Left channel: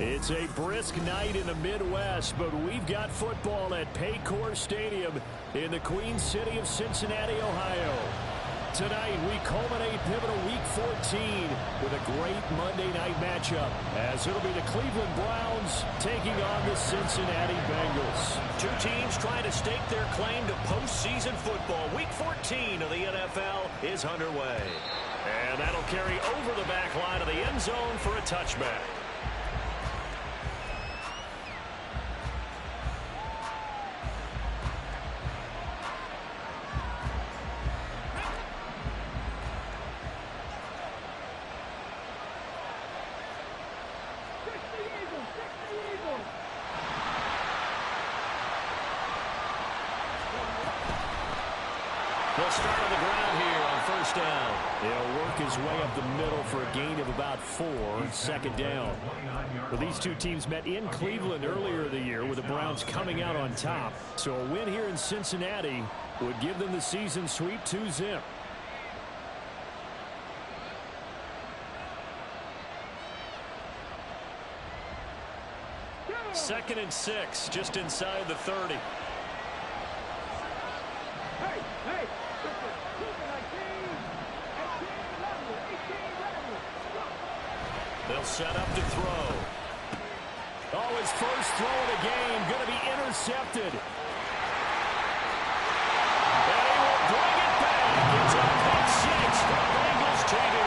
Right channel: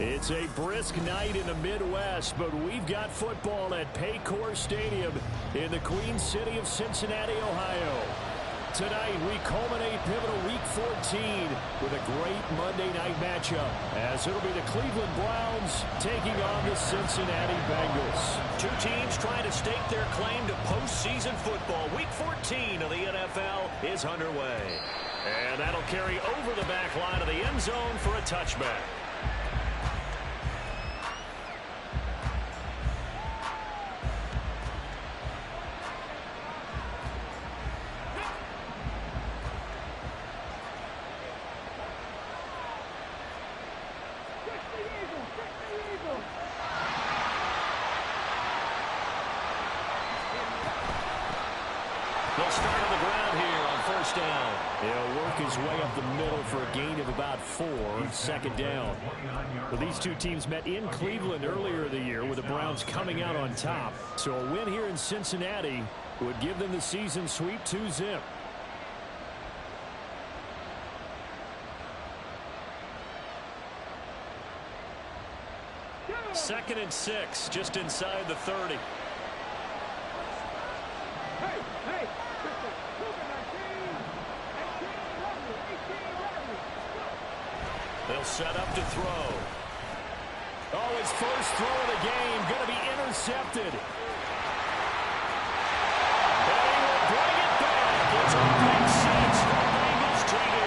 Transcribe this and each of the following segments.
It's a brisk night in the Midwest, but we've got football at Paycor Stadium in the Queen City of Cincinnati, Ohio. Tonight, we culminate pivotal Week 14 with a great Monday night matchup, as it'll be the Cleveland Browns taking on the Cincinnati Bengals. Two teams trying to stake their claim to postseason football. Week 14 of the NFL is underway. And that'll carry over the back line of the end zone for a touchback. They'll start on the ground here on first down. He'll work his way up the middle for a gain of about 4, second down. Well, these two teams met in Cleveland earlier in the year with the Browns coming out on top. So a win here in Cincinnati would give them the season sweep 2-zip. Second and 6, just inside the 30. Hey! They'll set up to throw. Oh, his first throw of the game going to be intercepted. And he will bring it back. It's a pick 6 for Bengals TD.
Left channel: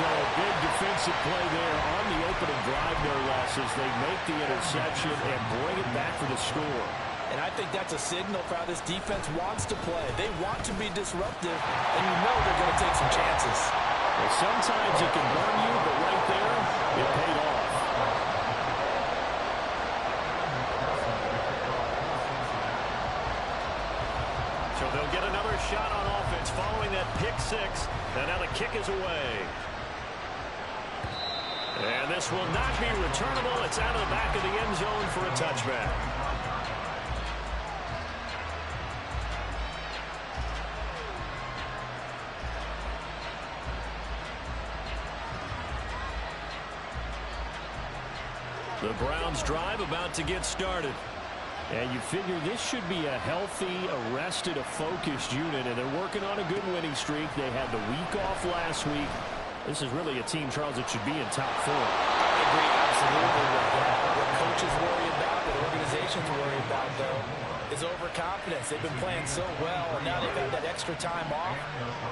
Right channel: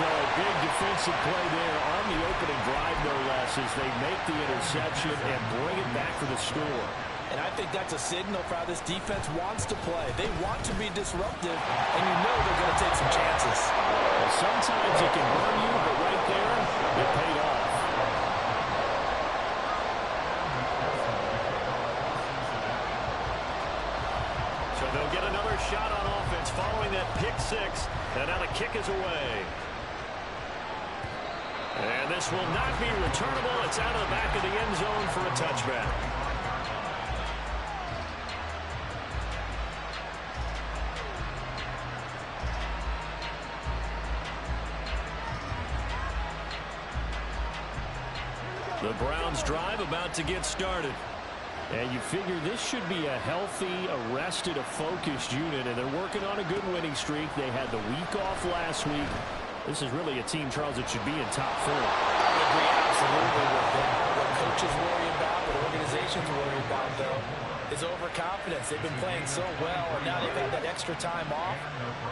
So a big defensive play there on the opening drive, no less, as they make the interception and bring it back for the score. And I think that's a signal for how this defense wants to play. They want to be disruptive, and you know they're going to take some chances. Well, sometimes it can burn you, but right there, it paid off. So they'll get another shot on offense following that pick 6. And now the kick is away. And this will not be returnable. It's out of the back of the end zone for a touchback. The Browns drive about to get started. And you figure this should be a healthy, arrested, a focused unit, and they're working on a good winning streak. They had the week off last week. This is really a team, Charles, that should be in top 4. I would agree absolutely with that. What coaches worry about, what organizations worry about, though, is overconfidence. They've been playing so well, and now they've had that extra time off.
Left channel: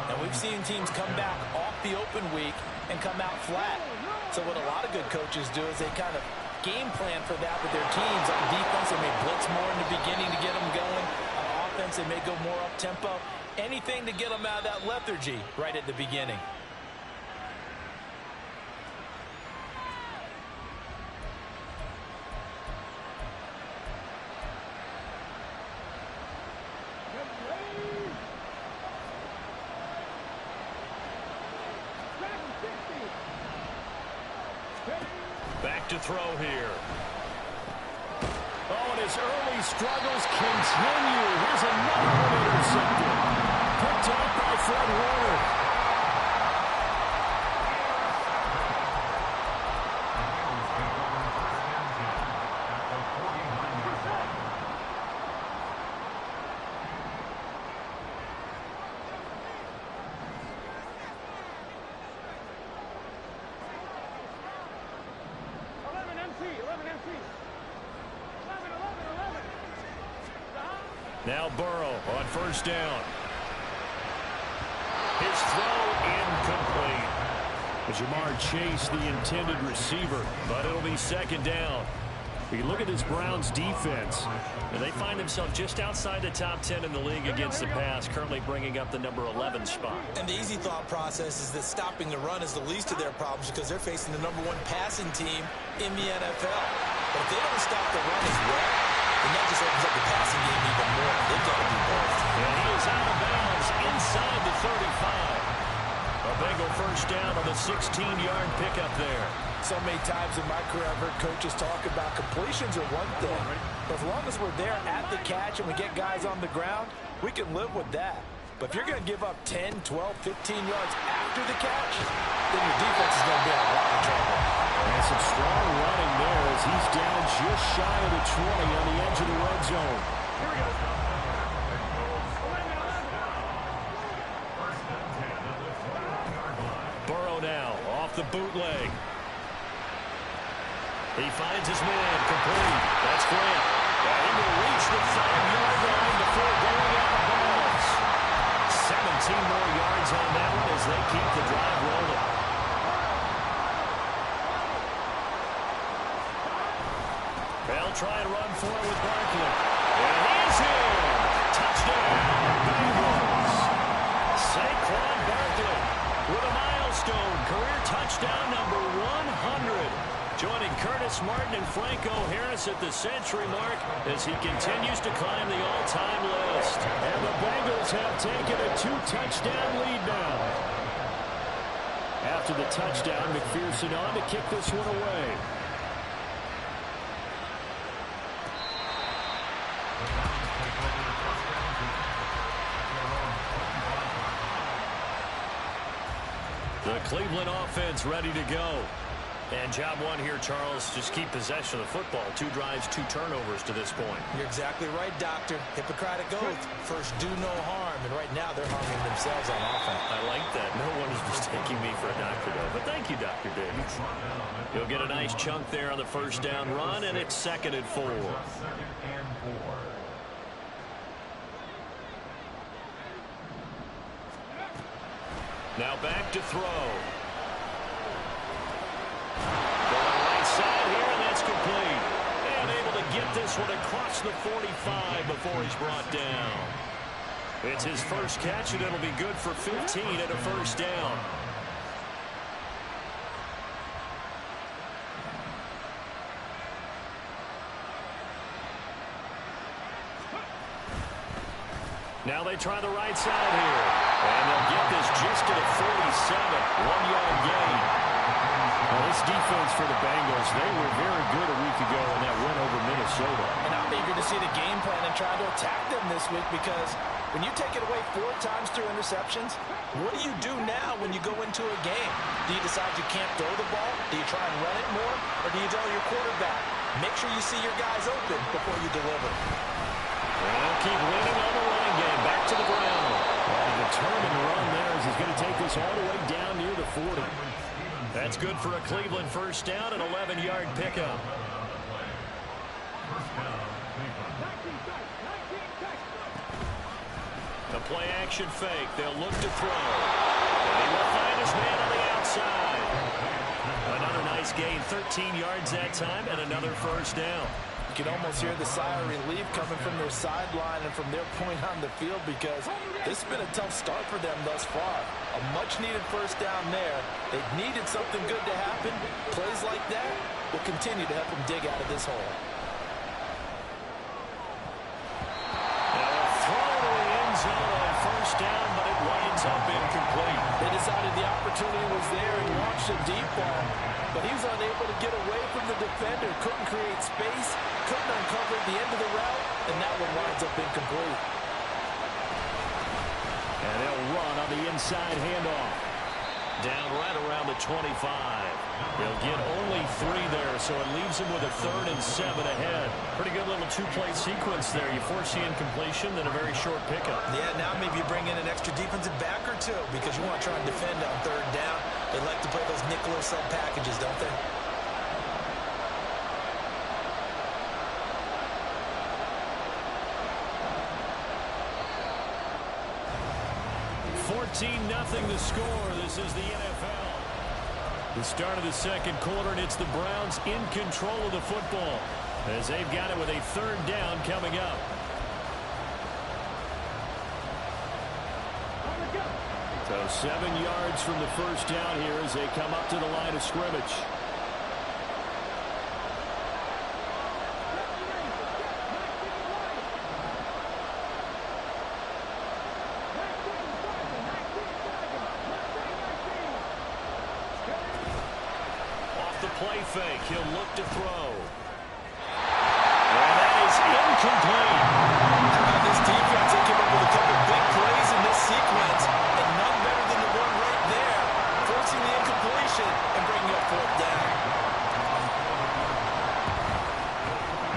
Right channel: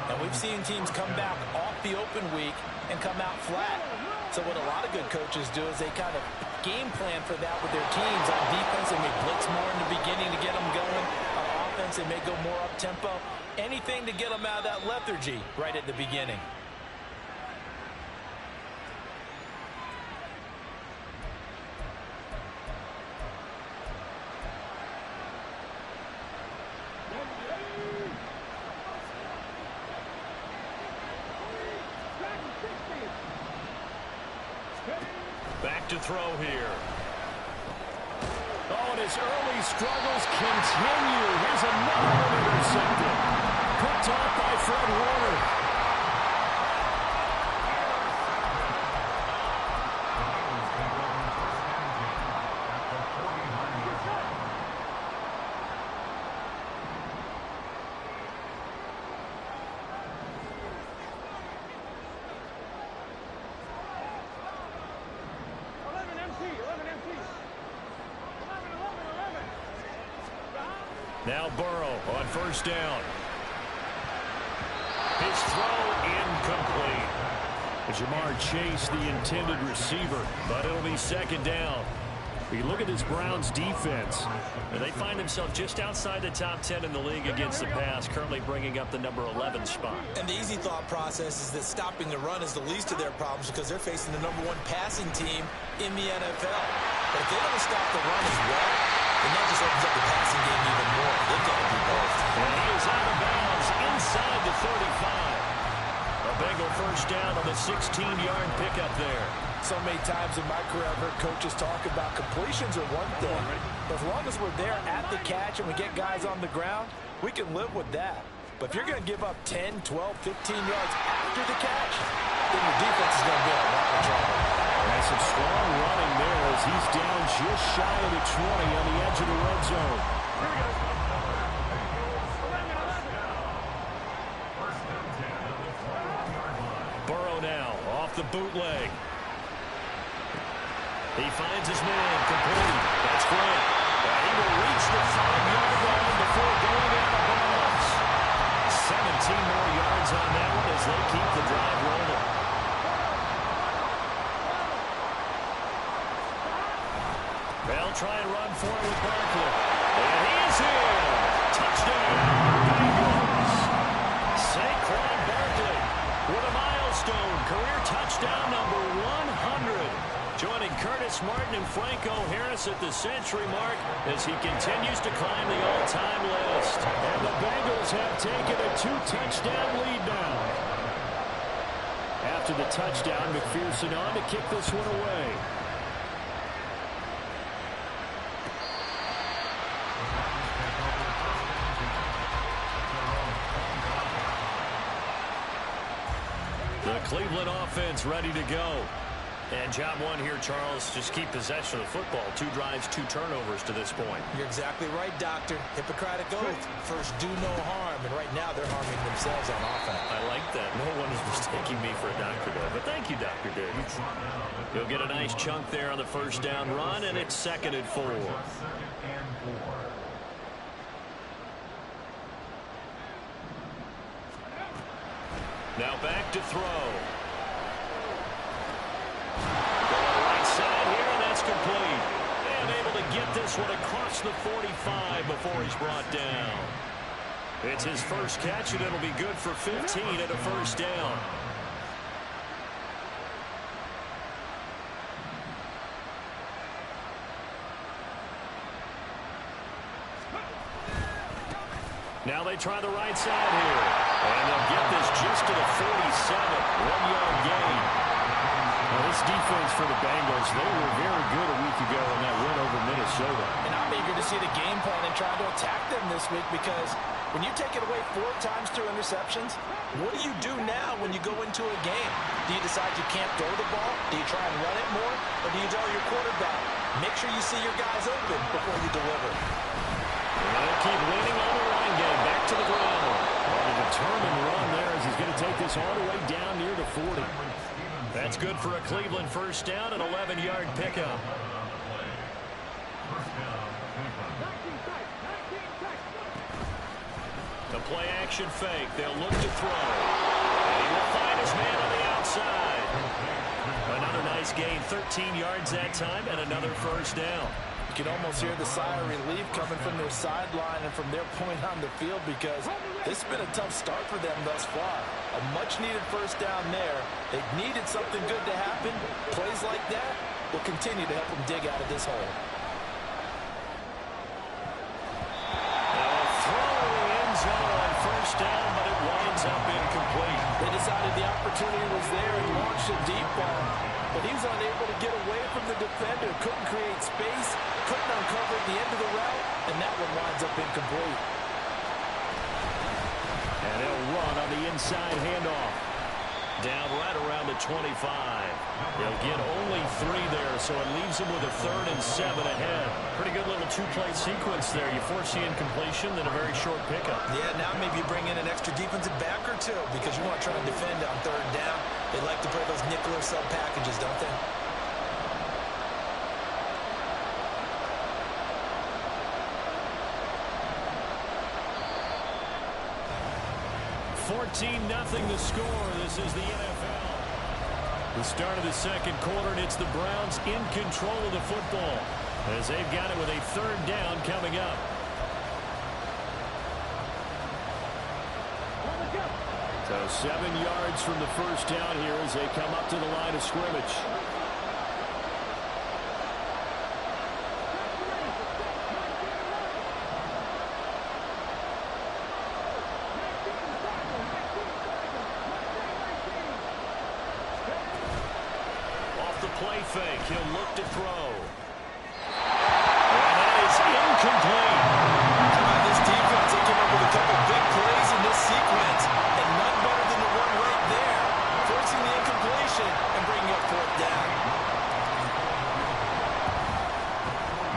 And we've seen teams come back off the open week and come out flat. So what a lot of good coaches do is they kind of game plan for that with their teams. On defense, they may blitz more in the beginning to get them going. On offense, they may go more up-tempo. Anything to get them out of that lethargy right at the beginning. Back to throw here. Oh, and his early struggles continue. Here's another one intercepted. Picked off by Fred Warner. Now Burrow on first down. His throw incomplete. Jamar Chase, the intended receiver, but it'll be second down. You look at this Browns defense, and they find themselves just outside the top 10 in the league against the pass, currently bringing up the number 11 spot. And the easy thought process is that stopping the run is the least of their problems because they're facing the number 1 passing team in the NFL. But if they don't stop the run as well, then that just opens up the passing game even more. They've got to do both. And he is out of bounds inside the 35. A Bengal first down on the 16-yard pickup there. So many times in my career, I've heard coaches talk about completions are one thing. But as long as we're there at the catch and we get guys on the ground, we can live with that. But if you're going to give up 10, 12, 15 yards after the catch, then your defense is going to be in a lot of trouble. And some strong running there as he's down just shy of the 20 on the edge of the red zone. Here we go. Burrow now off the bootleg. He finds his man complete. That's Grant. And he will reach the 5-yard line before going out of bounds. 17 more yards on that one as they keep the drive rolling. They'll try and run for it with Barkley. And he is in. Touchdown, Bengals. Saquon Barkley with a milestone career touchdown number 100. Joining Curtis Martin and Franco Harris at the century mark as he continues to climb the all-time list. And the Bengals have taken a 2-touchdown lead now. After the touchdown, McPherson on to kick this one away. The Cleveland offense ready to go. And job one here, Charles, just keep possession of the football. 2 drives, 2 turnovers to this point. You're exactly right, Doctor. Hippocratic oath. First, do no harm. And right now, they're harming themselves on offense. I like that. No one is mistaking me for a doctor, though. But thank you, Dr. Davis. He'll get a nice chunk there on the first down run, and it's 2nd and 4. Now back to throw. Going right side here, and that's complete. And able to get this one across the 45 before he's brought down. It's his first catch, and it'll be good for 15 at a first down. Now they try the right side here. And they'll get this just to the 47. 1-yard gain. Now this defense for the Bengals, they were very good a week ago in that win over Minnesota. And I'm eager to see the game plan and trying to attack them this week because when you take it away 4 times through interceptions, what do you do now when you go into a game? Do you decide you can't throw the ball? Do you try and run it more? Or do you tell your quarterback, make sure you see your guys open before you deliver? And they'll keep leaning on the running game. Back to the ground. Well, a determined run there as he's going to take this all the way down near the 40. That's good for a Cleveland first down, an 11-yard pickup. The play action fake. They'll look to throw. And he will find his man on the outside. Another nice gain, 13 yards that time, and another first down. You can almost hear the sigh of relief coming from their sideline and from their point on the field because this has been a tough start for them thus far. A much-needed first down there. They needed something good to happen. Plays like that will continue to help them dig out of this hole. Now a throw to the end zone on first down, but it winds up incomplete. They decided the opportunity was there and launched a deep ball, but he was unable to get away from the defender, couldn't create space, couldn't uncover the end of the route, and that one winds up incomplete. And they'll run on the inside handoff. Down right around the 25. He'll get only 3 there, so it leaves him with a 3rd and 7 ahead. Pretty good little 2-play sequence there. You force the incompletion, then a very short pickup. Yeah, now maybe you bring in an extra defensive back or 2 because you want to try and defend on 3rd down. They like to play those nickel or sub packages, don't they? Nothing the score. This is the NFL. The start of the second quarter, and it's the Browns in control of the football as they've got it with a 3rd down coming up. So 7 yards from the first down here as they come up to the line of scrimmage. Play fake. He'll look to throw. And that is incomplete. How about this defense? They came up with a couple big plays in this sequence, and none better than the one right there, forcing the incompletion and bringing up 4th down.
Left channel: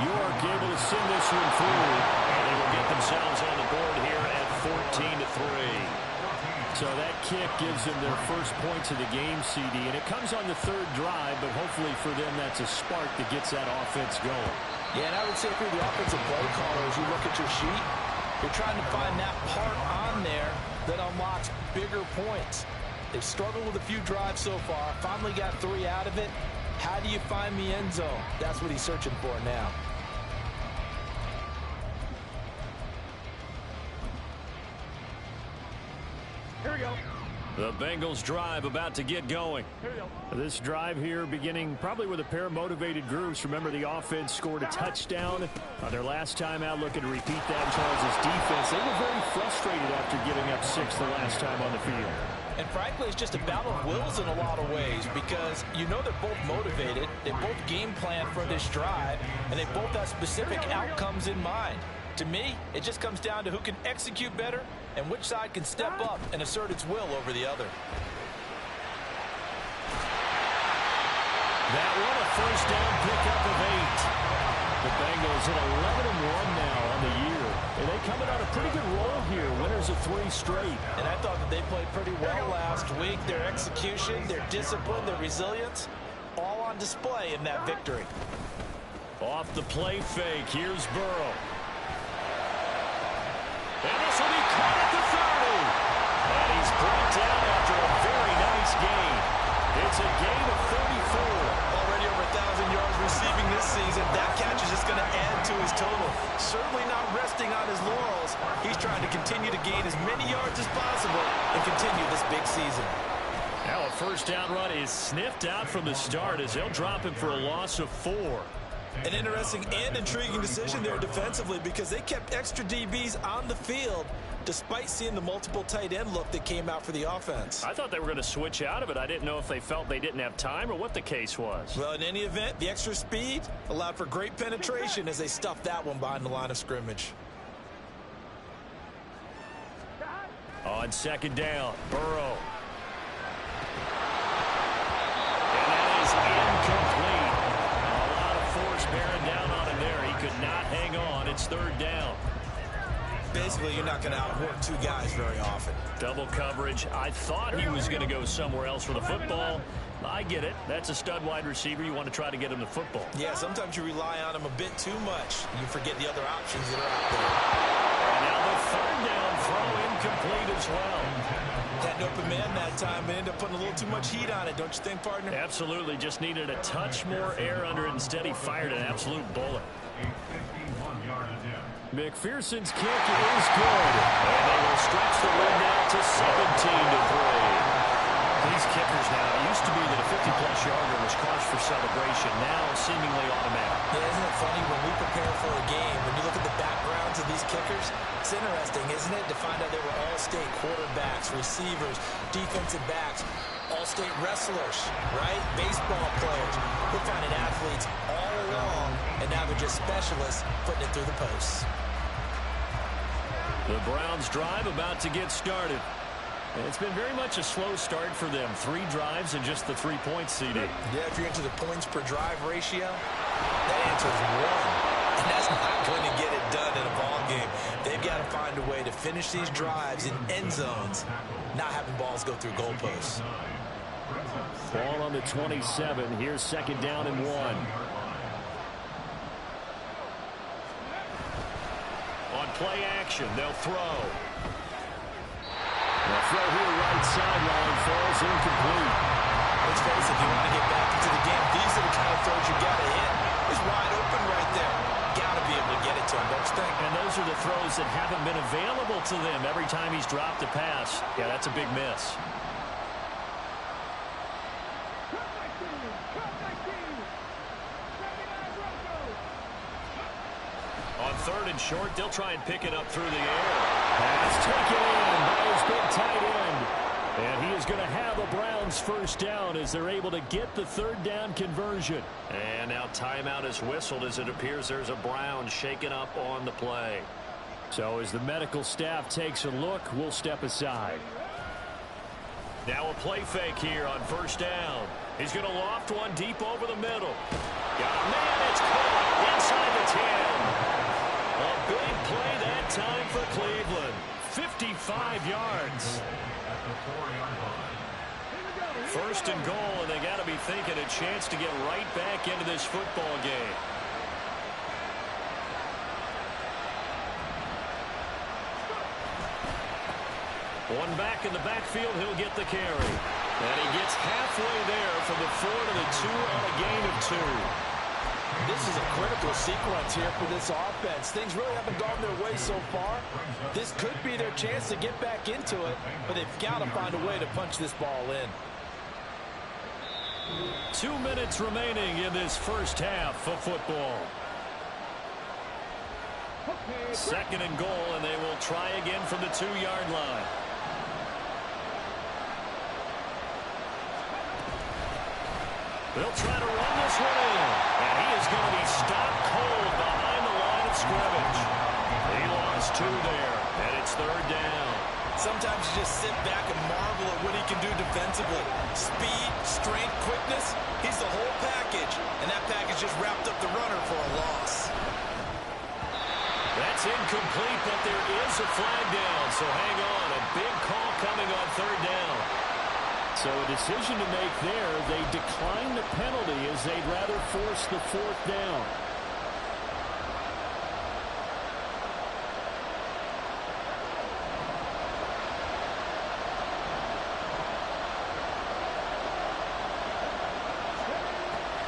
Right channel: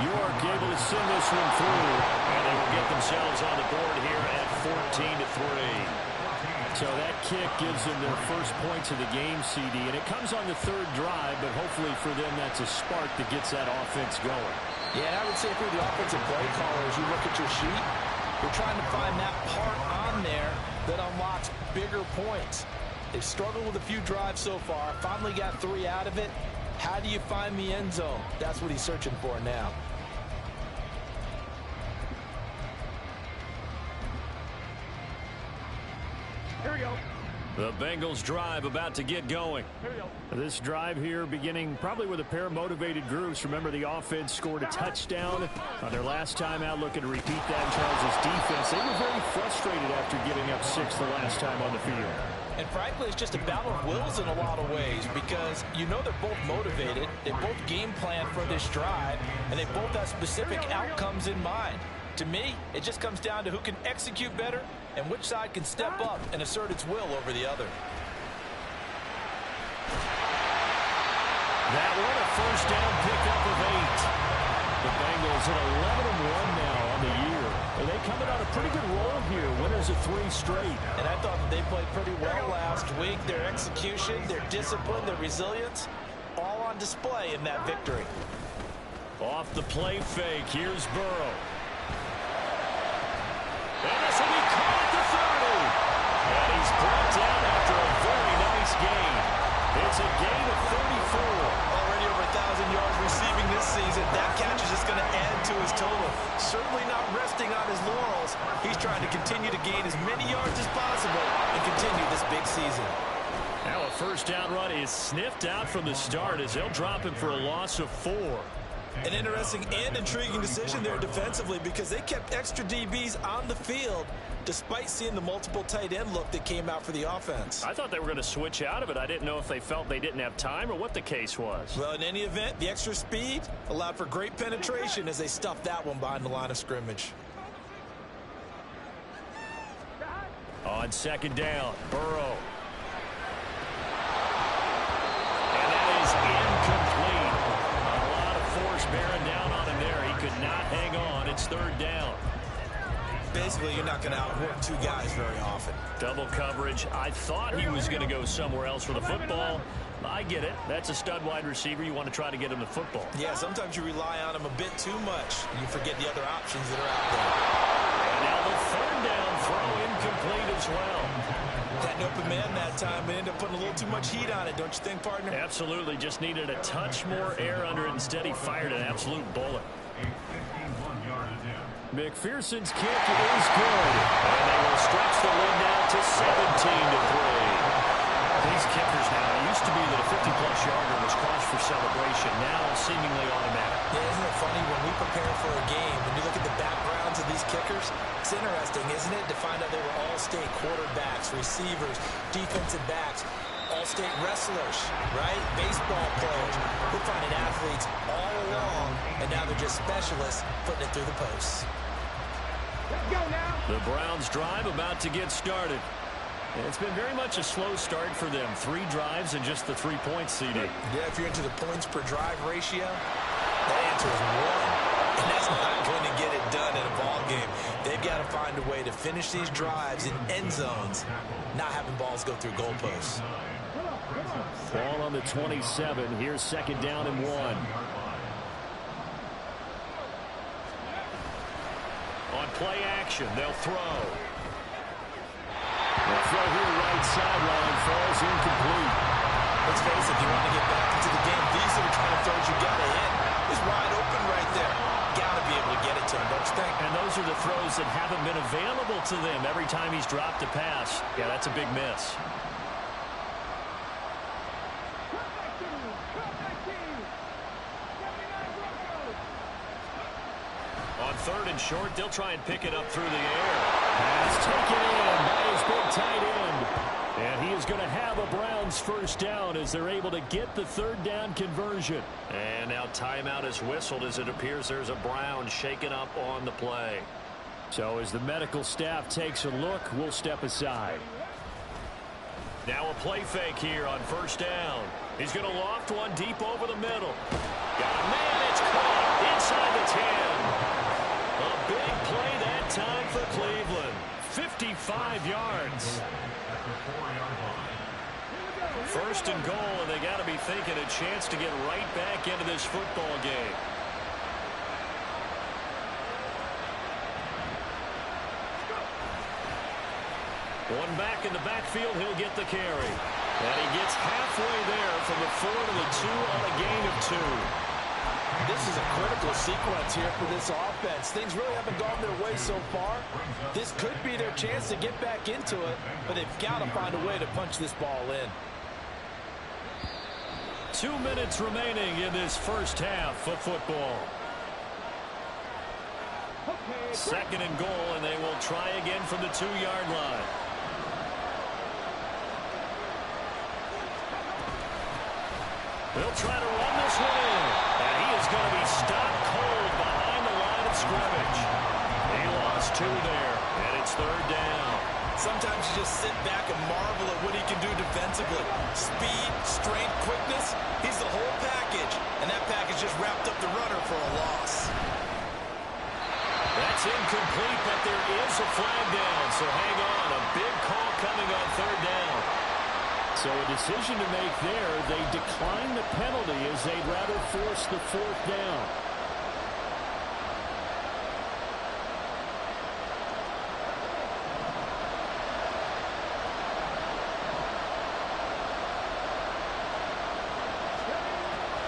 York able to send this one through. And they will get themselves on the board here at 14-3. So that kick gives them their first points of the game, CD. And it comes on the third drive, but hopefully for them that's a spark that gets that offense going. Yeah, and I would say if you're the offensive play caller, as you look at your sheet, you're trying to find that part on there that unlocks bigger points. They've struggled with a few drives so far. Finally got 3 out of it. How do you find the end zone? That's what he's searching for now. Here we go. The Bengals drive about to get going. Here we go. This drive here beginning probably with a pair of motivated groups. Remember, the offense scored a touchdown on their last time out, looking to repeat that in Charles' defense. They were very frustrated after giving up 6 the last time on the field. And frankly, it's just a battle of wills in a lot of ways because you know they're both motivated. They both game plan for this drive, and they both have specific outcomes in mind. To me, it just comes down to who can execute better and which side can step up and assert its will over the other. That one a first down pickup of 8. The Bengals at 11-1 now on the year. And they coming on a pretty good roll here. Winners of 3 straight. And I thought that they played pretty well last week. Their execution, their discipline, their resilience, all on display in that victory. Off the play fake, here's Burrow. And this will be caught at the 30. And he's brought down after a very nice gain. It's a gain of 34. Already over 1,000 yards receiving this season. That catch is just going to add to his total. Certainly not resting on his laurels. He's trying to continue to gain as many yards as possible and continue this big season. Now a first down run is sniffed out from the start as they'll drop him for a loss of 4. An interesting and intriguing decision there defensively because they kept extra DBs on the field despite seeing the multiple tight end look that came out for the offense. I thought they were going to switch out of it. I didn't know if they felt they didn't have time or what the case was. Well, in any event, the extra speed allowed for great penetration as they stuffed that one behind the line of scrimmage. On second down, Burrow. And that is incomplete. Force bearing down on him there. He could not hang on. It's third down. Basically, you're not going to outwork 2 guys very often. Double coverage. I thought he was going to go somewhere else for the football. I get it. That's a stud wide receiver. You want to try to get him the football. Yeah, sometimes you rely on him a bit too much. You forget the other options that are out there. And now the third down throw incomplete as well. Had an open man that time, but ended up putting a little too much heat on it, don't you think, partner? Absolutely. Just needed a touch more air under it. Instead, he fired an absolute bullet. McPherson's kick is good. And they will stretch the lead now to 17-3. These kickers now, it used to be that a 50-plus yarder was cause for celebration. Now seemingly automatic. Yeah, isn't it funny when we prepare for a game, when you look at the backgrounds of these kickers, it's interesting, isn't it, to find out they were all-state quarterbacks, receivers, defensive backs, all-state wrestlers, right? Baseball players. We're finding athletes all along, and now they're just specialists putting it through the posts. The Browns drive about to get started. It's been very much a slow start for them. 3 drives and just the 3 points, CD. Yeah, if you're into the points per drive ratio, that answer is 1. And that's not going to get it done in a ball game. They've got to find a way to finish these drives in end zones, not having balls go through goalposts. Ball on the 27. Here's second down and 1. On play action, they'll throw. The throw here right sideline falls incomplete. Let's face it, if you want to get back into the game, these are the kind of throws you got to hit. He's wide open right there. Got to be able to get it to him, don't you think? And those are the throws that haven't been available to them every time he's dropped a pass. Yeah, that's a big miss. On third and short, they'll try and pick it up through the air. Pass taken in by his big tight end. And he is going to have a Browns first down as they're able to get the third down conversion. And now timeout is whistled as it appears there's a Brown shaken up on the play. So as the medical staff takes a look, we'll step aside. Now a play fake here on first down. He's going to loft one deep over the middle. Got a man, it's caught. inside the 10. A big play that time for Cleveland. 55 yards. First and goal, and they got to be thinking a chance to get right back into this football game. One back in the backfield, he'll get the carry. And he gets halfway there from the 4 to the 2 on a gain of 2. This is a critical sequence here for this offense. Things really haven't gone their way so far. This could be their chance to get back into it, but they've got to find a way to punch this ball in. 2 minutes remaining in this first half of football. Second and goal, and they will try again from the 2-yard line. They'll try to run this one in. And he is going to be stopped cold behind the line of scrimmage. He lost 2 there, and it's third down. Sometimes you just sit back and marvel at what he can do defensively. Speed, strength, quickness, he's the whole package. And that package just wrapped up the runner for a loss. That's incomplete, but there is a flag down. So hang on, a big call coming on third down. So a decision to make there. They decline the penalty as they'd rather force the 4th down.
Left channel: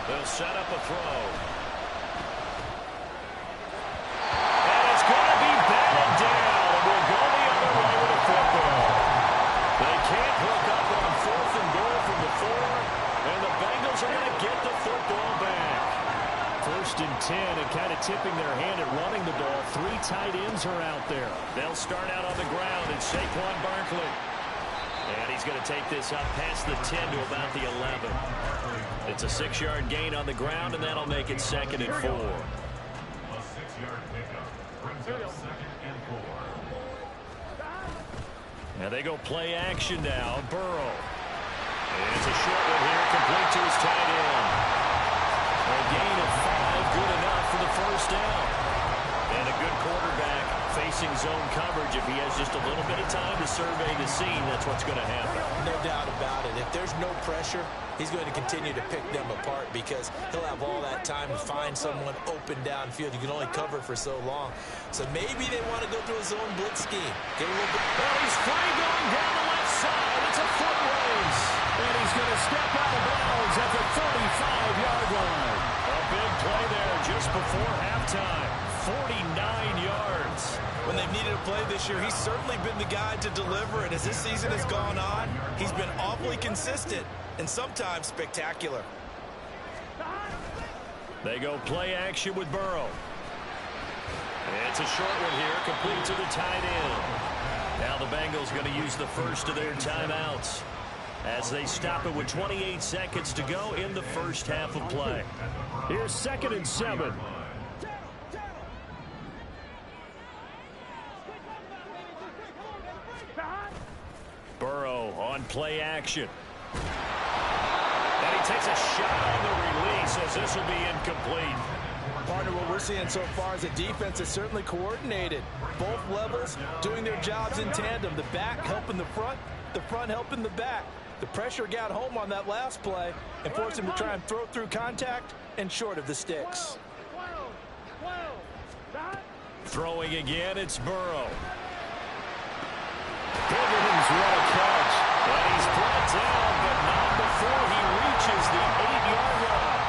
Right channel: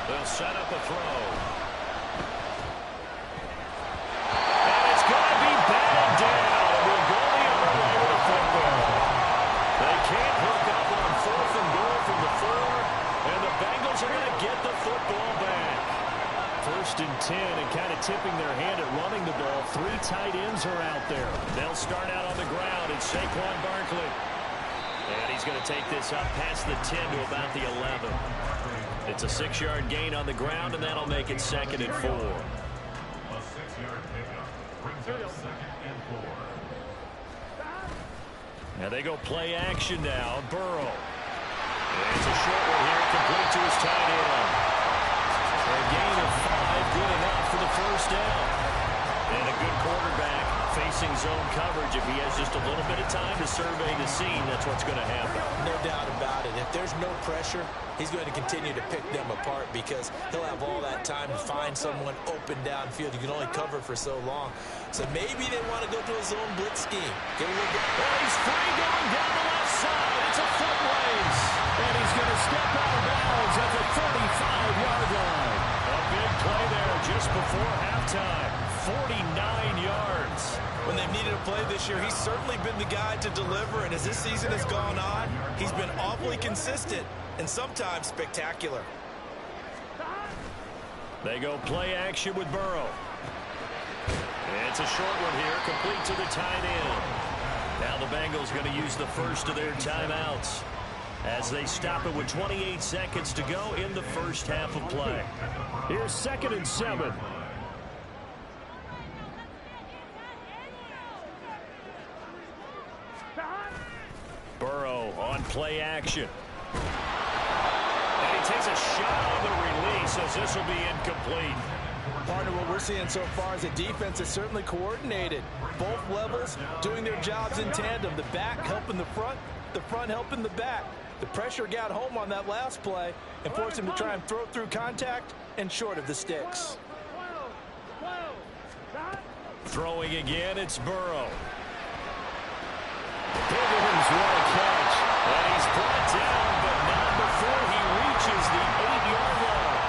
They'll set up a throw. And it's going to be batted down. And we'll go the other way with the football. They can't hook up on 4th and goal from the 4. And the Bengals are going to get the football back. 1st and 10, and kind of tipping their hand at running the ball. 3 tight ends are out there. They'll start out on the ground. It's Saquon Barkley. And he's going to take this up past the 10 to about the 11. It's a 6-yard gain on the ground, and that'll make it 2nd and 4. A 6-yard pickup brings up 2nd and 4. Now they go play action now. Burrow. And it's a short one here, complete to his tight end. A gain of 5, good enough for the first down. And a good quarterback facing zone coverage. If he has just a little bit of time to survey the scene, that's what's going to happen. No doubt about it. If there's no pressure, he's going to continue to pick them apart because he'll have all that time to find someone open downfield. You can only cover for so long. So maybe they want to go to a zone blitz scheme. Get a little bit. Well, he's free going down the left side. It's a foot race. And he's going to step out of bounds at the 35-yard line. A big play there just before halftime. 49 yards. When they've needed a play this year, he's certainly been the guy to deliver. And as this season has gone on, he's been awfully consistent and sometimes spectacular. They go play action with Burrow. It's a short one here, complete to the tight end. Now the Bengals going to use the first of their timeouts as they stop it with 28 seconds to go in the first half of play. Here's 2nd and 7. Burrow on play action. And he takes a shot on the release as this will be incomplete. Partner, what we're seeing so far is a defense that's certainly coordinated. Both levels doing their jobs in tandem. The back helping the front helping the back. The pressure got home on that last play and forced him to try and throw through contact and short of the sticks. Throwing again, it's Burrow. Higgins, what a catch. And he's brought down, but not before he reaches the 8-yard line.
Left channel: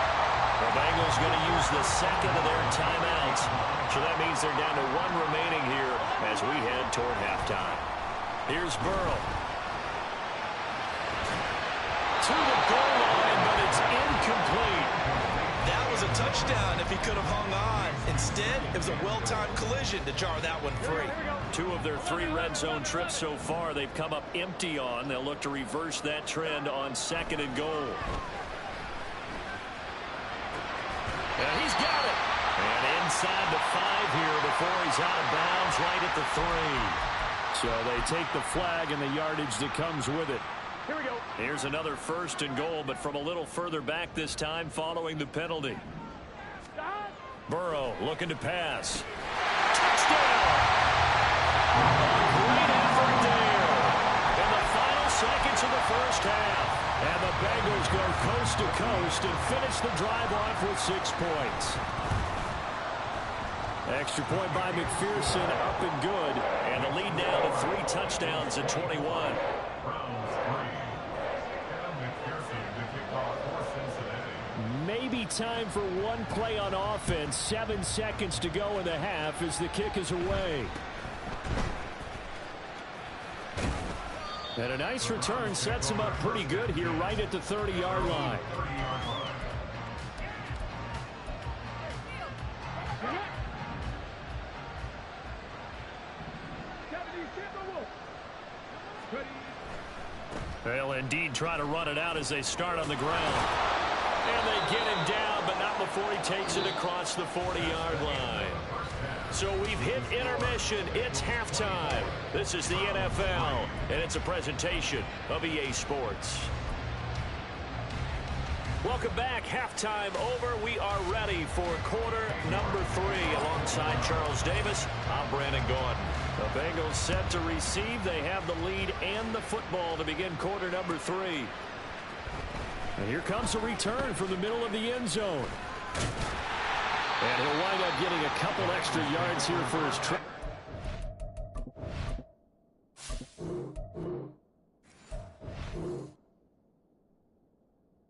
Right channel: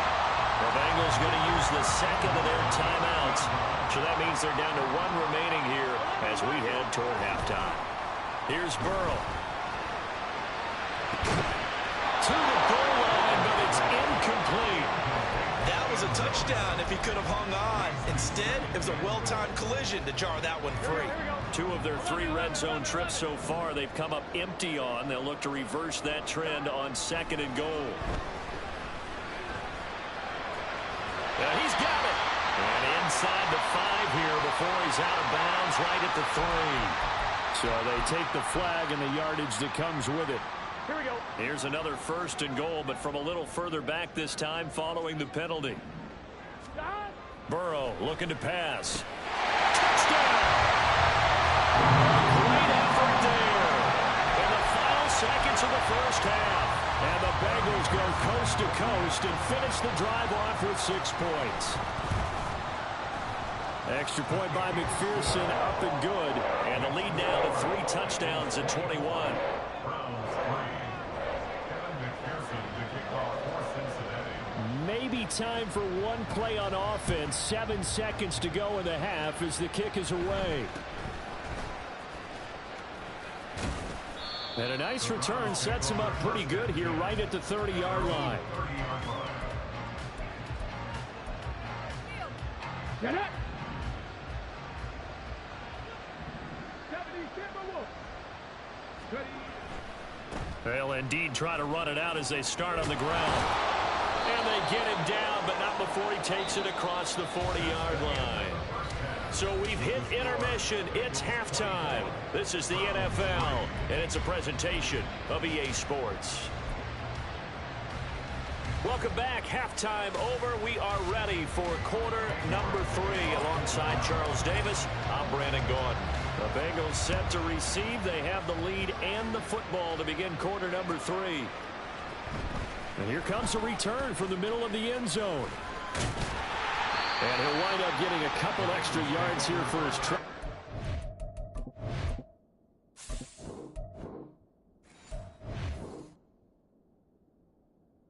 The Bengals going to use the second of their timeouts. So that means they're down to 1 remaining here as we head toward halftime. Here's Burrow. To the goal line, but it's incomplete. That was a touchdown if he could have hung on. Instead, it was a well-timed collision to jar that one free. 2 of their 3 red zone trips so far they've come up empty on. They'll look to reverse that trend on 2nd and goal. And he's got it. And inside the 5 here before he's out of bounds right at the 3. So they take the flag and the yardage that comes with it. Here we go. Here's another 1st and goal, but from a little further back this time following the penalty. Burrow looking to pass. Touchdown! A great effort there. In the final seconds of the first half. And the Bengals go coast to coast and finish the drive off with 6 points. Extra point by McPherson, up and good. And the lead now to 3 touchdowns at 21. Browns 3. Kevin McPherson to kick off for Cincinnati. Maybe time for one play on offense. 7 seconds to go in the half as the kick is away. And a nice return sets him up pretty good here right at the 30-yard line. They'll indeed try to run it out as they start on the ground. And they get him down, but not before he takes it across the 40-yard line. So we've hit intermission. It's halftime. This is the NFL, and it's a presentation of EA Sports. Welcome back. Halftime over. We are ready for quarter number 3. Alongside Charles Davis, I'm Brandon Gordon. The Bengals set to receive. They have the lead and the football to begin quarter number 3. And here comes a return from the middle of the end zone. And he'll wind up getting a couple extra yards here for his trip.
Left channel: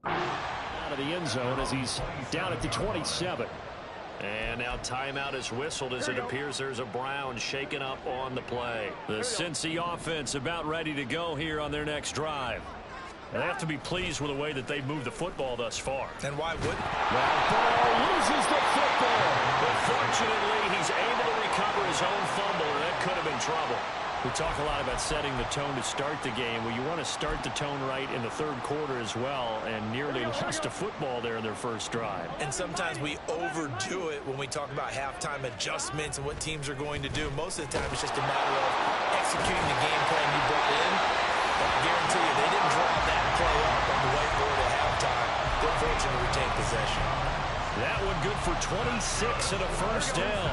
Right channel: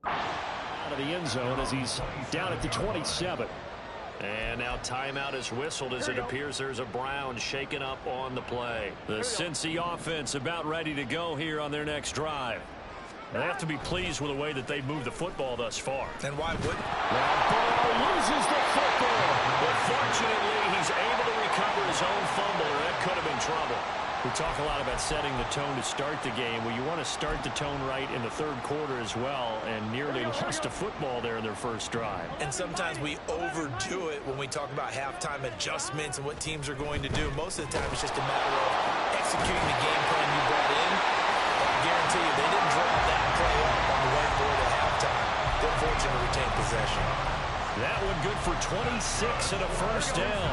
Out of the end zone as he's down at the 27. And now timeout is whistled as it appears there's a Brown shaken up on the play. The Cincy offense about ready to go here on their next drive. And they have to be pleased with the way that they've moved the football thus far. And why wouldn't? Now Burrow loses the football. But fortunately, he's able to recover his own fumble, or that could have been trouble. We talk a lot about setting the tone to start the game. Well, you want to start the tone right in the third quarter as well, and nearly lost a football there in their first drive. And sometimes we overdo it when we talk about halftime adjustments and what teams are going to do. Most of the time, it's just a matter of executing the game plan you brought in. But I guarantee you, they didn't draw that play up on the whiteboard at halftime. They're fortunate to retain possession. That one good for 26 and a first down.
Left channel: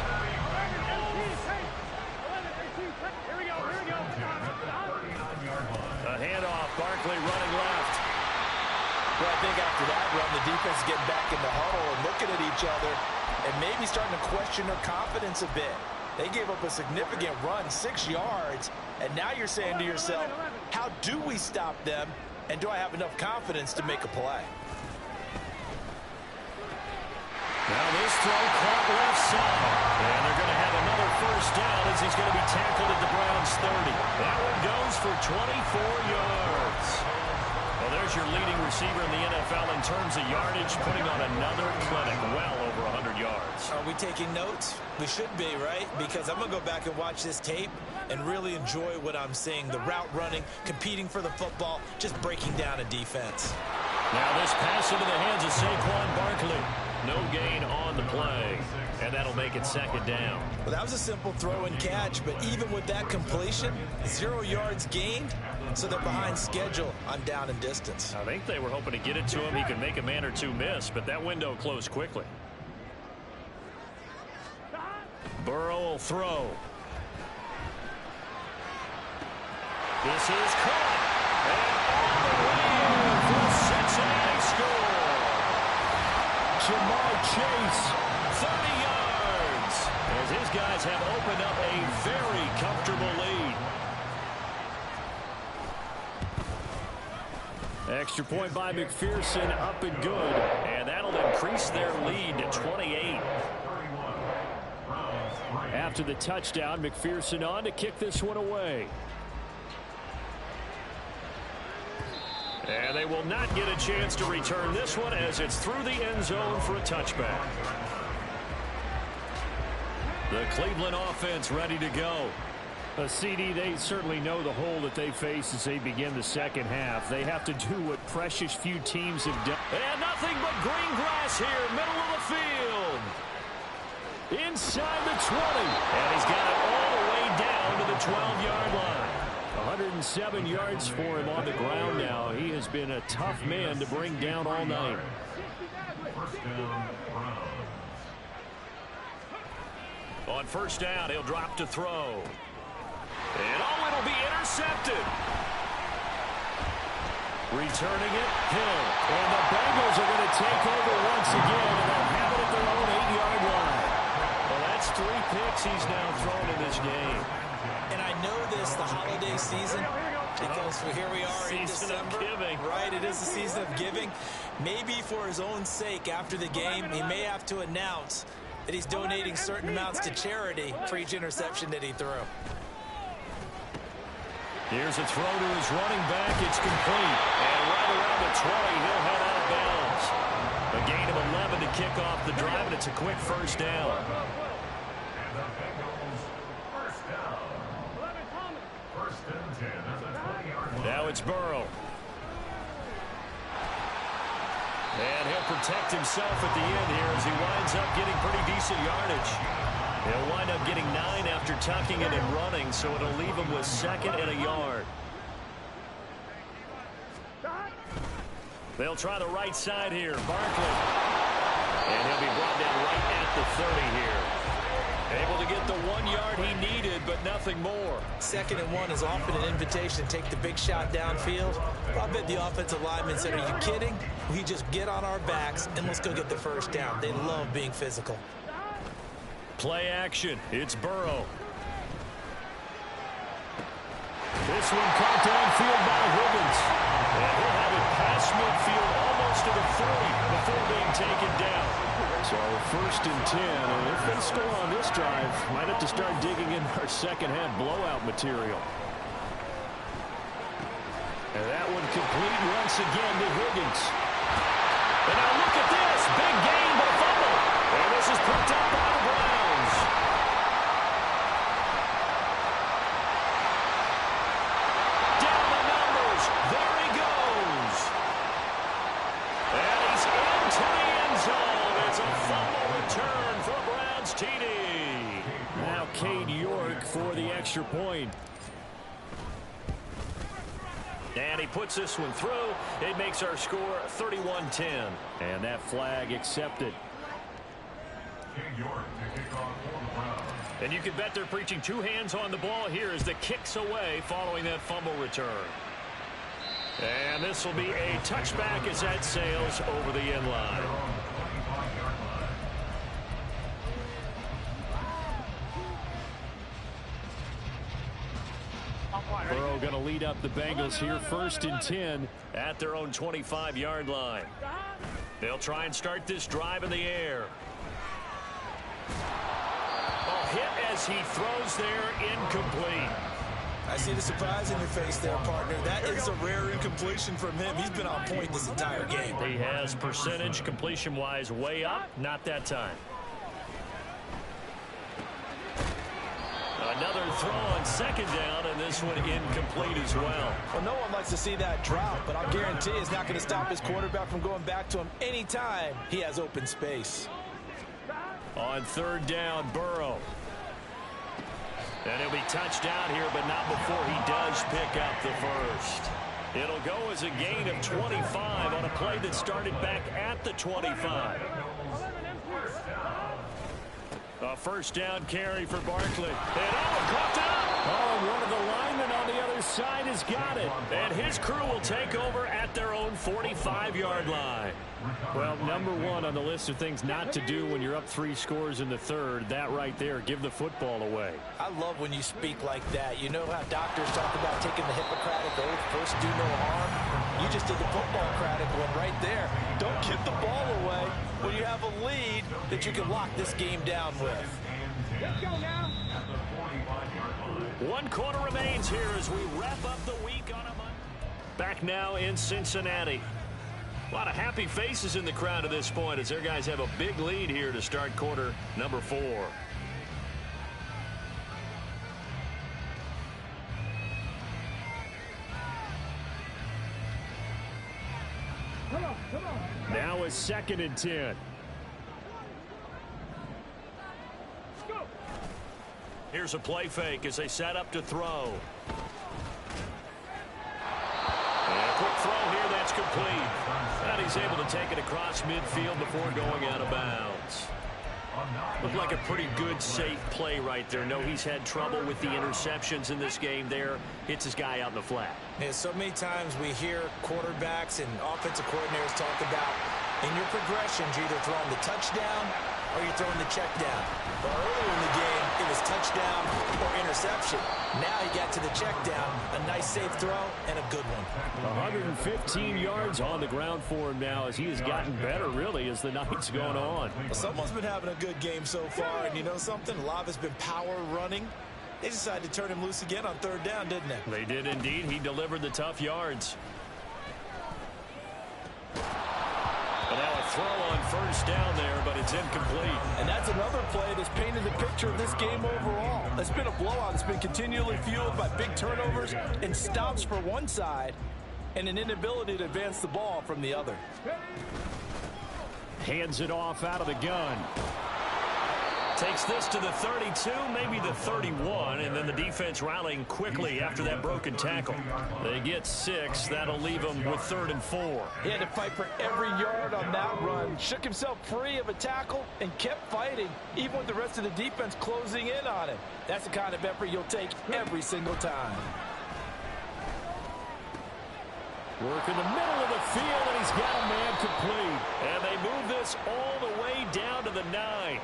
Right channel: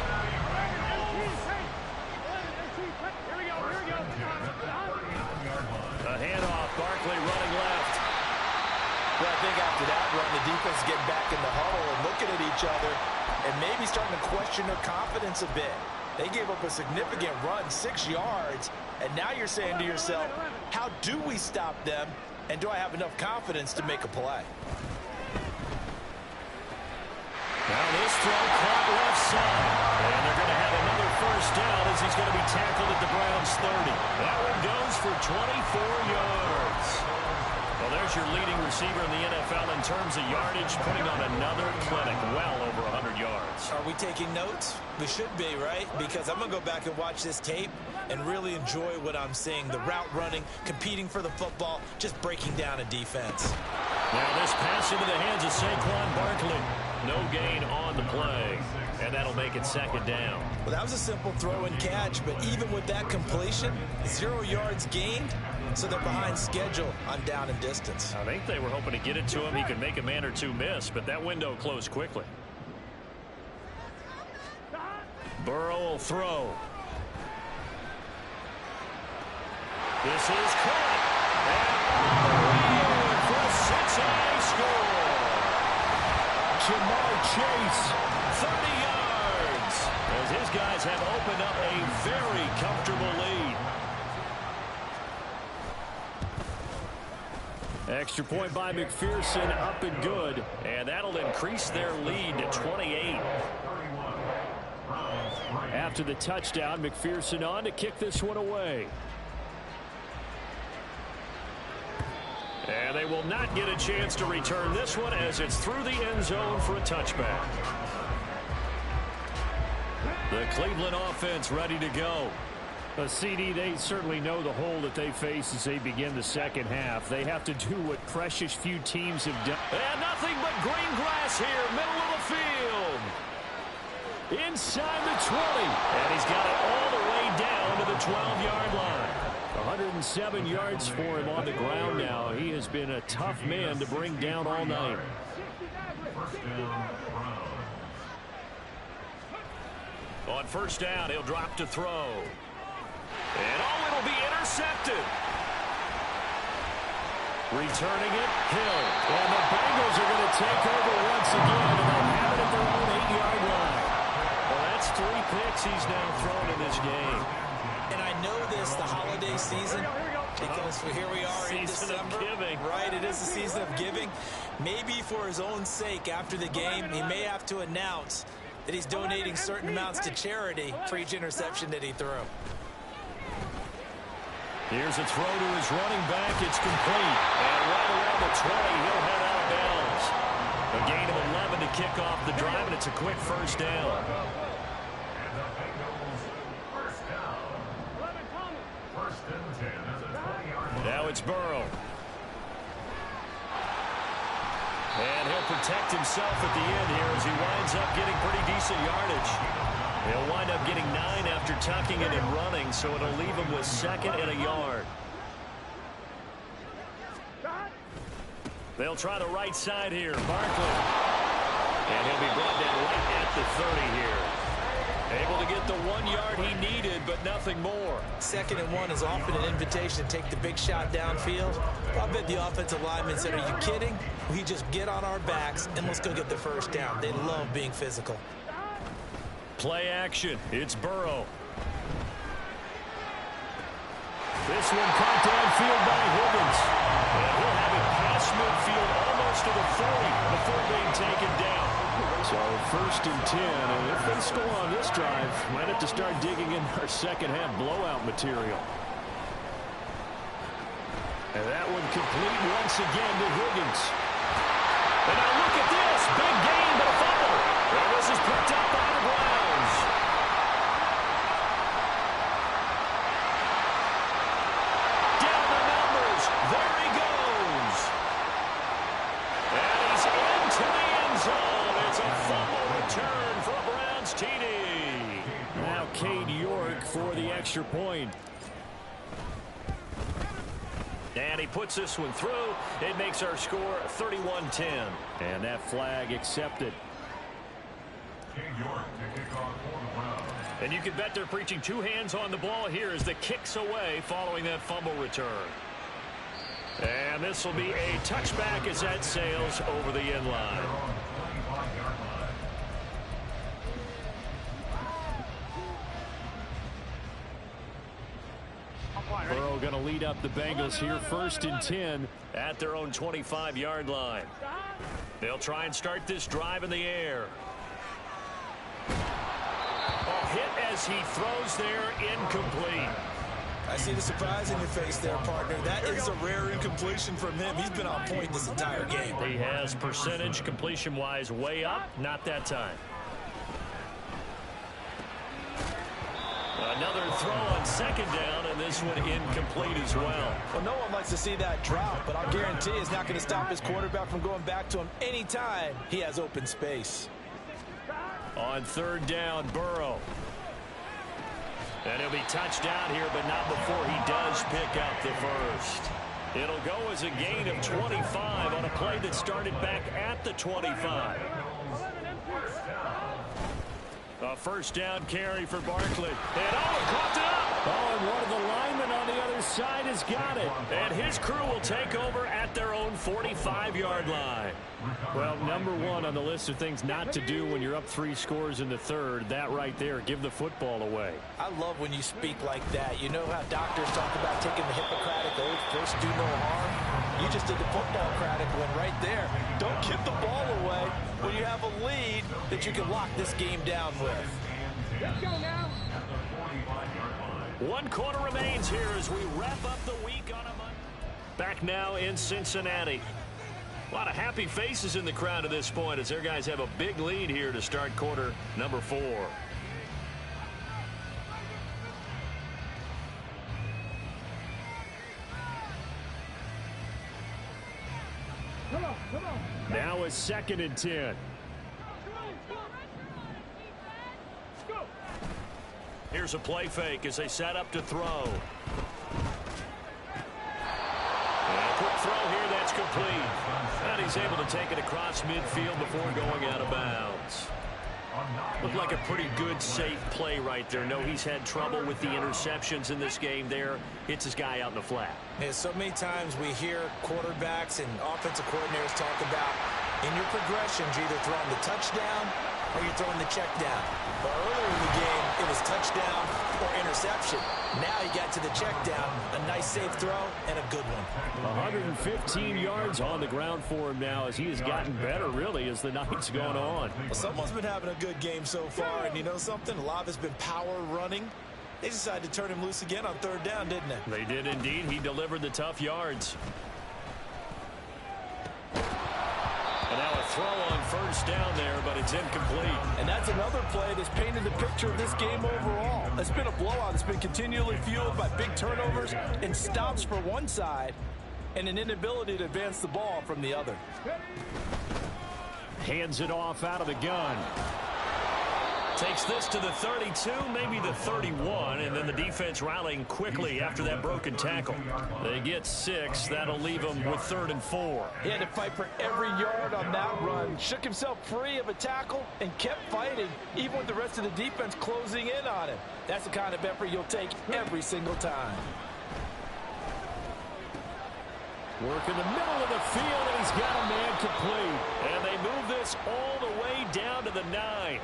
A handoff, Barkley running left. Well, I think after that run, the defense is getting back in the huddle and looking at each other and maybe starting to question their confidence a bit. They gave up a significant run, 6 yards, and now you're saying to yourself, how do we stop them, and do I have enough confidence to make a play? Now this throw caught left side, and they're going to have another first down as he's going to be tackled at the Browns' 30. That one goes for 24 yards. Well, there's your leading receiver in the NFL in terms of yardage, putting on another clinic, well over 100 yards. Are we taking notes? We should be, right? Because I'm going to go back and watch this tape and really enjoy what I'm seeing. The route running, competing for the football, just breaking down a defense. Now this pass into the hands of Saquon Barkley. No gain on the play, and that'll make it second down. Well, that was a simple throw and catch, but even with that completion, 0 yards gained, so they're behind schedule on down and distance. I think they were hoping to get it to him. He could make a man or two miss, but that window closed quickly. Burrow will throw. This is caught, and all the way in for a Cincinnati score. Jamar Chase, 30 yards, as his guys have opened up a very comfortable lead. Extra point by McPherson, up and good, and that'll increase their lead to 28. After the touchdown, McPherson on to kick this one away. And they will not get a chance to return this one as it's through the end zone for a touchback. The Cleveland offense ready to go. CD, they certainly know the hole that they face as they begin the second half. They have to do what precious few teams have done. And nothing but green grass here, middle of the field. Inside the 20. And he's got it all the way down to the 12-yard line. 107 yards for him on the ground now. He has been a tough man to bring down all night. First down, Brown. On first down, he'll drop to throw. And oh, it'll be intercepted. Returning it, Hill. And the Bengals are going to take over once again, and they'll have it at their own 8-yard line. Well, that's 3 picks he's now thrown in this game. And I know this, the holiday season, because here we are in December. Right, it is the season of giving. Maybe for his own sake after the game, he may have to announce that he's donating certain amounts to charity for each interception that he threw. Here's a throw to his running back. It's complete. And right around the 20, he'll head out of bounds. A gain of 11 to kick off the drive, and it's a quick first down. And the Bengals first down. First and 10 at the 20-yard line. Now it's Burrow. And he'll protect himself at the end here as he winds up getting pretty decent yardage. He'll wind up getting 9 after tucking it and running, so it'll leave him with 2nd and a yard. They'll try the right side here. Barkley. And he'll be brought down right at the 30 here. Able to get the 1 yard he needed, but nothing more. 2nd and 1 is often an invitation to take the big shot downfield. I bet the offensive lineman said, are you kidding? We just get on our backs and let's go get the first down. They love being physical. Play action. It's Burrow. This one caught downfield by Higgins. And he'll have it past midfield almost to the 40 before being taken down. So 1st and 10, and if they score on this drive, might have to start digging in our second-half blowout material. And that one complete once again to Higgins. And now look at this. Big gain, but a fumble. And this is picked up by the Browns. Down the numbers. There he goes. And he's into the end zone. It's a fumble return for a Browns TD. Now Cade York for the extra point. And he puts this one through. It makes our score 31-10. And that flag accepted. Cade York to kick off for the Browns. And you can bet they're preaching 2 hands on the ball here as the kicks away following that fumble return. And this will be a touchback as that sails over the end line. Burrow going to lead up the Bengals here 1st and 10 at their own 25-yard line. They'll try and start this drive in the air. Oh, hit as he throws there, incomplete. I see the surprise in your face there, partner. That is a rare incompletion from him. He's been on point this entire game. He has percentage completion-wise way up, not that time. Another throw on 2nd down, and this one incomplete as well. Well, no one likes to see that drop, but I'll guarantee it's not going to stop his quarterback from going back to him anytime he has open space. On 3rd down, Burrow. And he'll be touched down here, but not before he does pick up the first. It'll go as a gain of 25 on a play that started back at the 25. A first down carry for Barkley. And oh, he caught it up. Oh, and one of the linemen on the other side has got it. And his crew will take over at their own 45-yard line. Well, number 1 on the list of things not to do when you're up 3 scores in the 3rd. That right there, give the football away. I love when you speak like that. You know how doctors talk about taking the Hippocratic oath, first do no harm? You just did the football-cratic one right there. Don't give the ball away when you have a lead that you can lock this game down with. Let's go now. 1 quarter remains here as we wrap up the week on a Monday. Back now in Cincinnati. A lot of happy faces in the crowd at this point as their guys have a big lead here to start quarter number 4. Now it's 2nd and 10. Here's a play fake as they set up to throw. And a quick throw here, that's complete. And he's able to take it across midfield before going out of bounds. Looked like a pretty good, safe play right there. No, he's had trouble with the interceptions in this game there. Hits his guy out in the flat. Yeah, so many times we hear quarterbacks and offensive coordinators talk about in your progressions, you're either throwing the touchdown or you're throwing the check down. But earlier in the game, it was touchdown or interception. Now he got to the check down, a nice safe throw, and a good one. 115 yards on the ground for him now as he has gotten better, really, as the night's going on. Well, someone's been having a good game so far, and you know something? A lot of it's been power running. They decided to turn him loose again on third down, didn't they? They did indeed. He delivered the tough yards. And now a throw on first down there, but it's incomplete. And that's another play that's painted the picture of this game overall. It's been a blowout. It's been continually fueled by big turnovers and stops for one side and an inability to advance the ball from the other. Hands it off out of the gun. Takes this to the 32, maybe the 31, and then the defense rallying quickly after that broken tackle. They get 6. That'll leave them with 3rd and 4. He had to fight for every yard on that run. Shook himself free of a tackle and kept fighting, even with the rest of the defense closing in on him. That's the kind of effort you'll take every single time. Work in the middle of the field, and he's got a man complete. And they move this all the way down to the 9.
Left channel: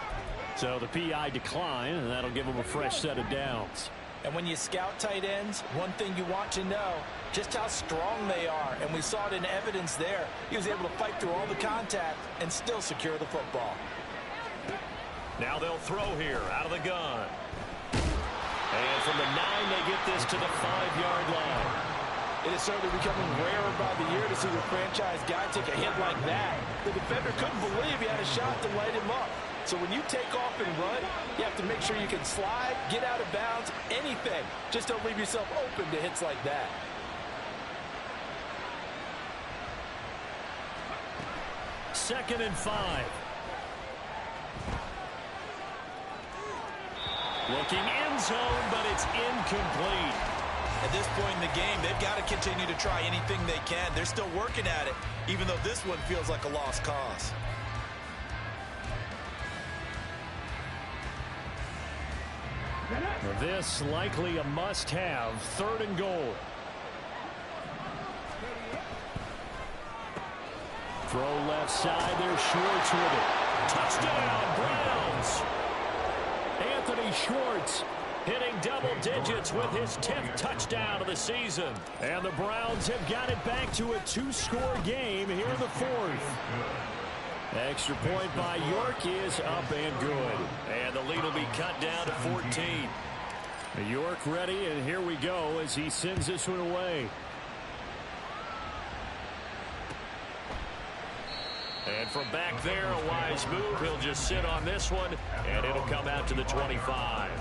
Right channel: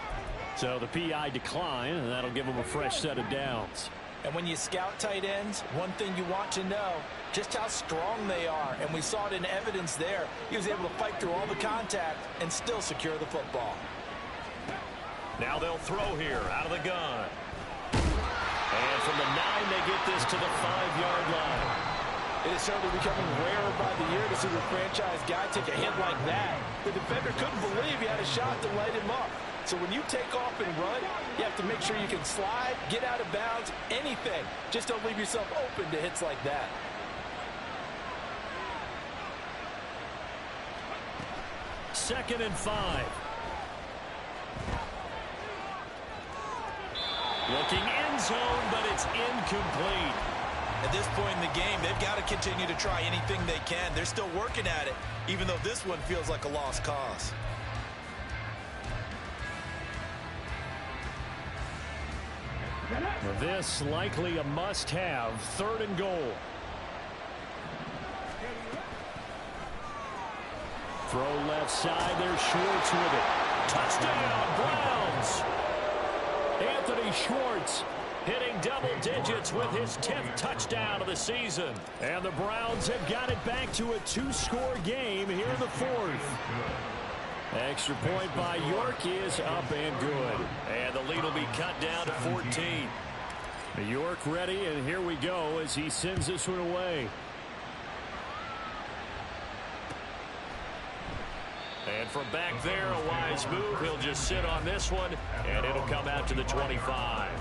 So the PI decline, and that'll give them a fresh set of downs. And when you scout tight ends, one thing you want to know, just how strong they are. And we saw it in evidence there. He was able to fight through all the contact and still secure the football. Now they'll throw here out of the gun. And from the 9, they get this to the 5-yard line. It is certainly becoming rarer by the year to see your franchise guy take a hit like that. The defender couldn't believe he had a shot to light him up. So when you take off and run, you have to make sure you can slide, get out of bounds, anything. Just don't leave yourself open to hits like that. Second and 5. Looking end zone, but it's incomplete. At this point in the game, they've got to continue to try anything they can. They're still working at it, even though this one feels like a lost cause. This likely a must-have. 3rd and goal. Throw left side. There's Schwartz with it. Touchdown, Browns. Anthony Schwartz hitting double digits with his 10th touchdown of the season. And the Browns have got it back to a 2-score game here in the 4th. Extra point by York is up and good. And the lead will be cut down to 14. York ready, and here we go as he sends this one away. And from back there, a wise move. He'll just sit on this one, and it'll come out to the 25.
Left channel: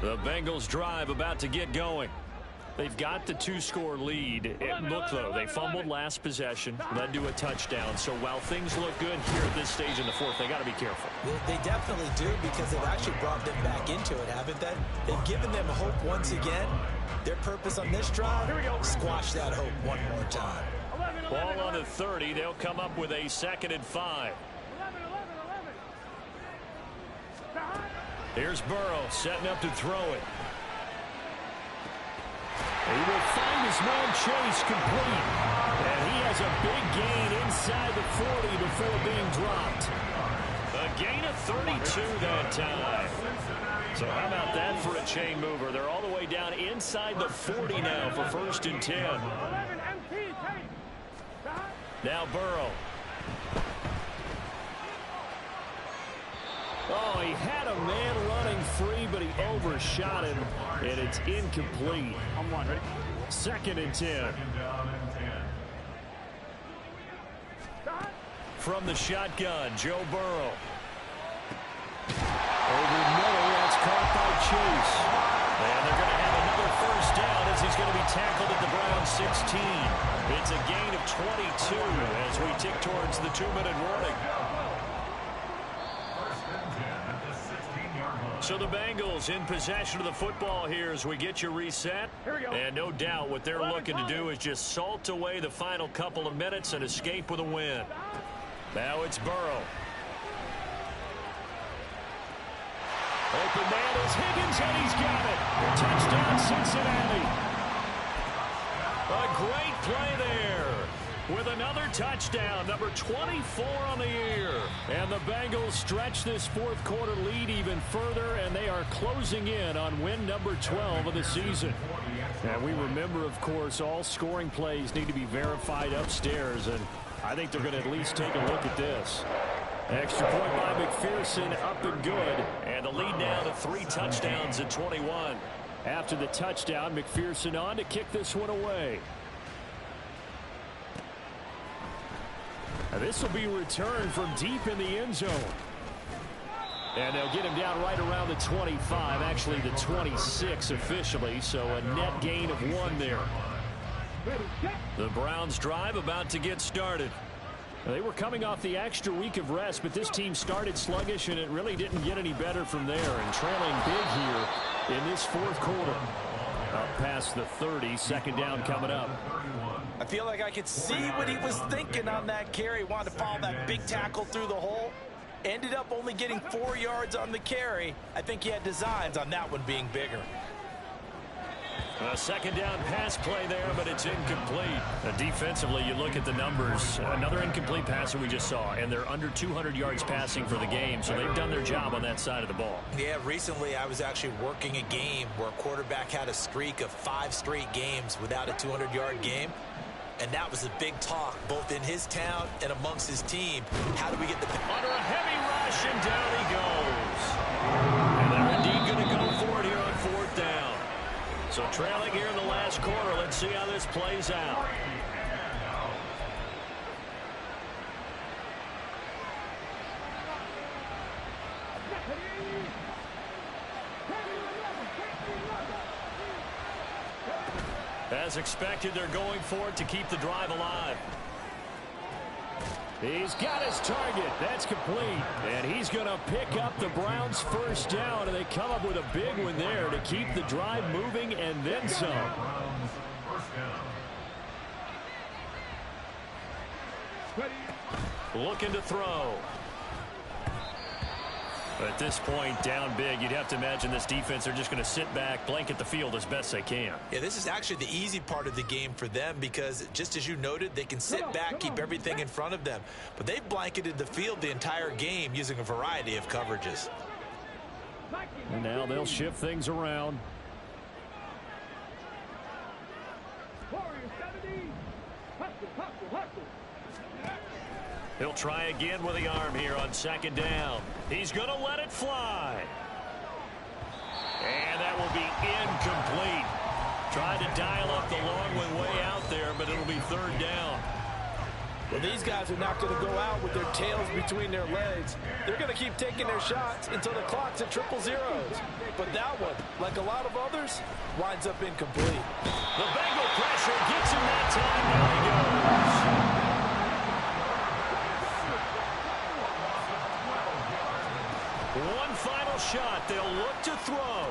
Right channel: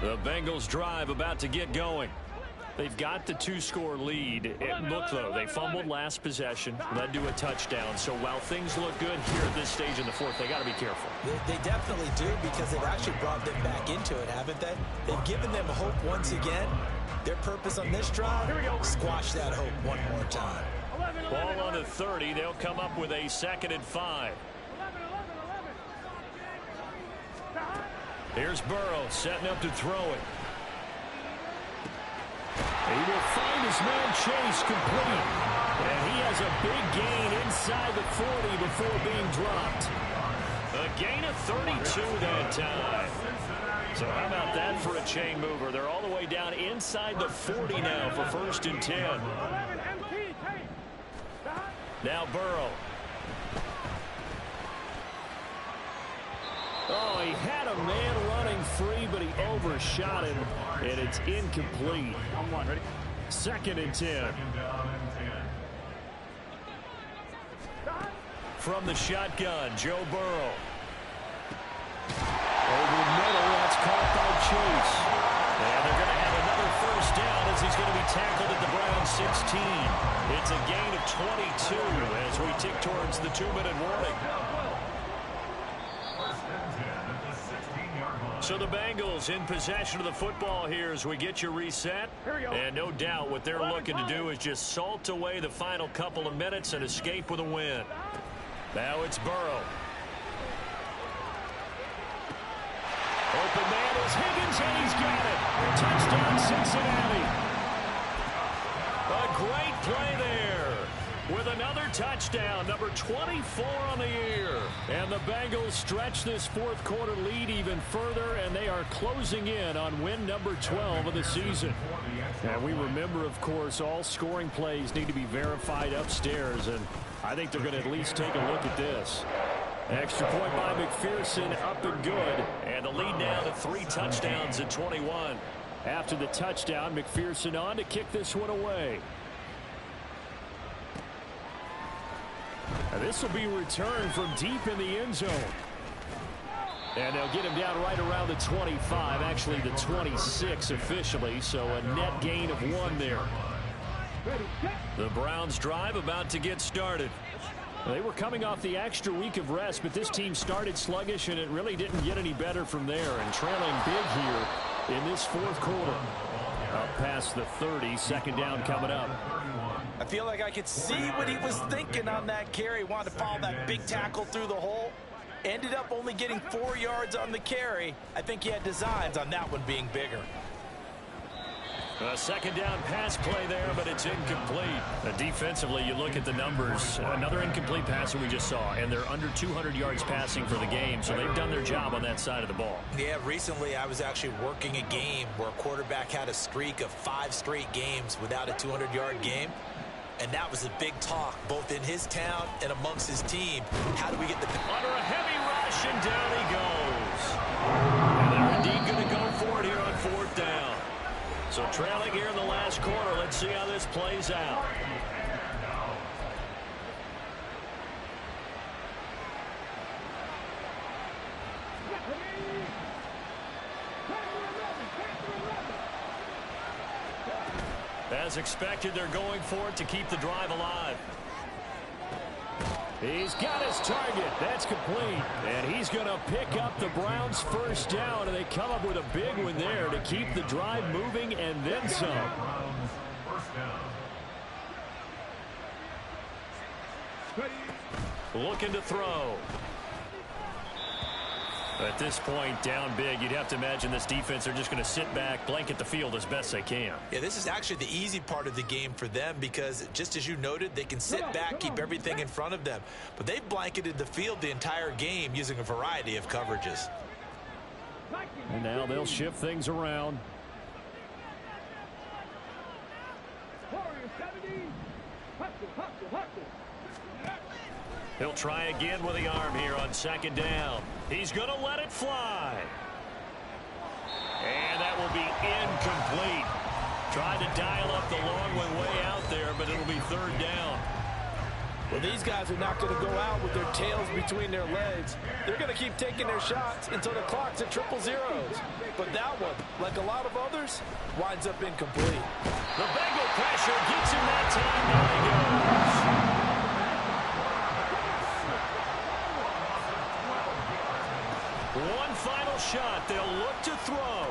The Bengals drive about to get going. They've got the 2-score lead. Look, though, they fumbled last possession, led to a touchdown. So while things look good here at this stage in the 4th, they got to be careful. They definitely do, because they've actually brought them back into it, haven't they? They've given them hope once again. Their purpose on this drive, squash that hope one more time. Ball on the 30. They'll come up with a 2nd and 5. Here's Burrow setting up to throw it. He will find his man Chase complete. And he has a big gain inside the 40 before being dropped. A gain of 32 that time. So how about that for a chain mover? They're all the way down inside the 40 now for 1st and 10. Now Burrow. Oh, he had a man running free, but he overshot him, and it's incomplete. 2nd and 10. From the shotgun, Joe Burrow. Over the middle, that's caught by Chase. And they're going to have another 1st down as he's going to be tackled at the Browns 16. It's a gain of 22 as we tick towards the 2-minute warning. So the Bengals in possession of the football here as we get you reset. And no doubt what they're looking to do is just salt away the final couple of minutes and escape with a win. Now it's Burrow. Open man is Higgins, and he's got it. Touchdown, Cincinnati. A great play there with another touchdown, number 24 on the year. And the Bengals stretch this fourth quarter lead even further, and they are closing in on win number 12 of the season. And we remember, of course, all scoring plays need to be verified upstairs, and I think they're going to at least take a look at this. Extra point by McPherson, up and good. And the lead now to 3 touchdowns at 21. After the touchdown, McPherson on to kick this one away. Now this will be returned from deep in the end zone. And they'll get him down right around the 25, actually the 26 officially, so a net gain of 1 there. The Browns drive about to get started. They were coming off the extra week of rest, but this team started sluggish, and it really didn't get any better from there. And trailing big here in this fourth quarter. Up past the 30, second down coming up. I feel like I could see what he was thinking on that carry. Wanted to follow that big tackle through the hole. Ended up only getting 4 yards on the carry. I think he had designs on that one being bigger. A second down pass play there, but it's incomplete. Defensively, you look at the numbers. Another incomplete pass that we just saw, and they're under 200 yards passing for the game, so they've done their job on that side of the ball. Yeah, recently I was actually working a game where a quarterback had a streak of 5 straight games without a 200-yard game, and that was a big talk, both in his town and amongst his team. How do we get the... Under a heavy rush, and down he goes. And they're indeed going to go for it here on 4th down. So trailing here in the last quarter. Let's see how this plays out. As expected, they're going for it to keep the drive alive. He's got his target. That's complete. And he's going to pick up the Browns' first down, and they come up with a big one there to keep the drive moving and then some. Looking to throw. At this point, down big, you'd have to imagine this defense are just going to sit back, blanket the field as best they can. Yeah, this is actually the easy part of the game for them because, just as you noted, they can sit back, keep everything in front of them. But they've blanketed the field the entire game using a variety of coverages. And now they'll shift things around. He'll try again with the arm here on second down. He's going to let it fly. And that will be incomplete. Tried to dial up the long one way out there, but it'll be 3rd down. Well, these guys are not going to go out with their tails between their legs. They're going to keep taking their shots until the clock's at 000. But that one, like a lot of others, winds up incomplete. The Bengal pressure gets him that time. Now he goes. One final shot. They'll look to throw.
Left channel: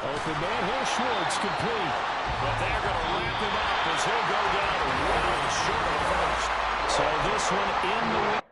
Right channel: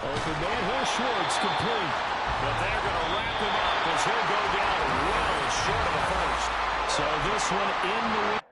Open man here, Schwartz, complete. But they're going to wrap him up as he'll go down well short of a first. So this one in the win.